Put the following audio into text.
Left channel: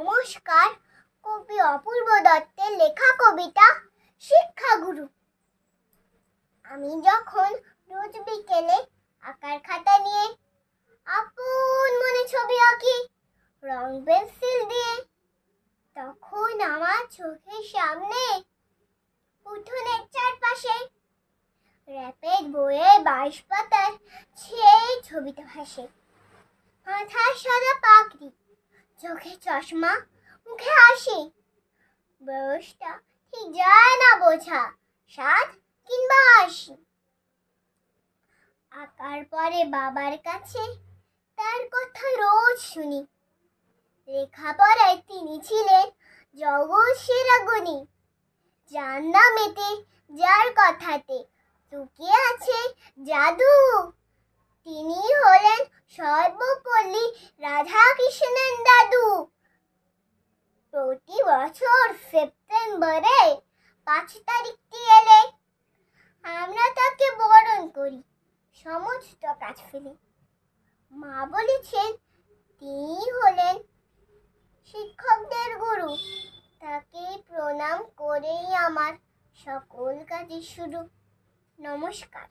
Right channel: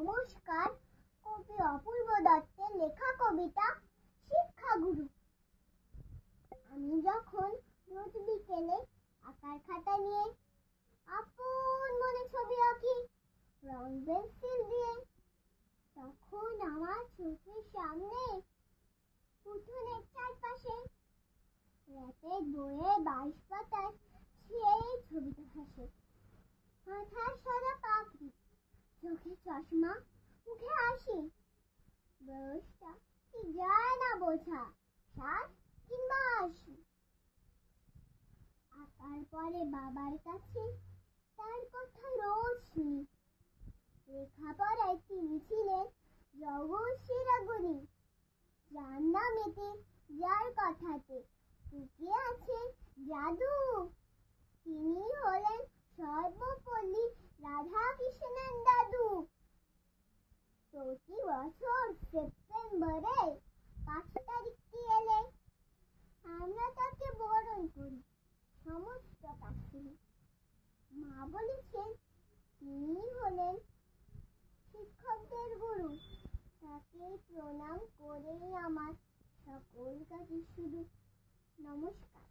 নমস্কার। কবি অপূর্ব দত্তের লেখা কবিতা শিক্ষাগুরু। আমি যখন রোজ বিকেলে আঁকার খাতা নিয়ে আপন মনে ছবি আঁকি রং পেন্সিল দিয়ে, তখন আমার চোখের সামনে উঠোনের চারপাশে র‍্যাপের বইয়ে 22 পাতার সেই ছবিটা ভাসে। মাথায় সাদা পাগড়ি, চোখে চশমা, মুখে হাসি। বয়সটা ঠিক যায় না বোঝা, 7 কিংবা 80। আঁকার পরে বাবার কাছে তার কথা রোজ শুনি। লেখাপড়ায় তিনি ছিলেন জগৎ সেরা গুণী। যার নামেতে, যার কথাতে লুকিয়ে আছে জাদু। তিনি হলেন সর্বপল্লী রাধাকৃষ্ণের দাদু। প্রতি বছর সেপ্টেম্বরে 5 তারিখটি এলে আমরা তাকে বরণ করি সমস্ত কাজ ফেলে। মা বলেছেন তিনি হলেন শিক্ষকদের গুরু। তাকে প্রণাম করেই আমার সকল কাজের শুরু। নমস্কার।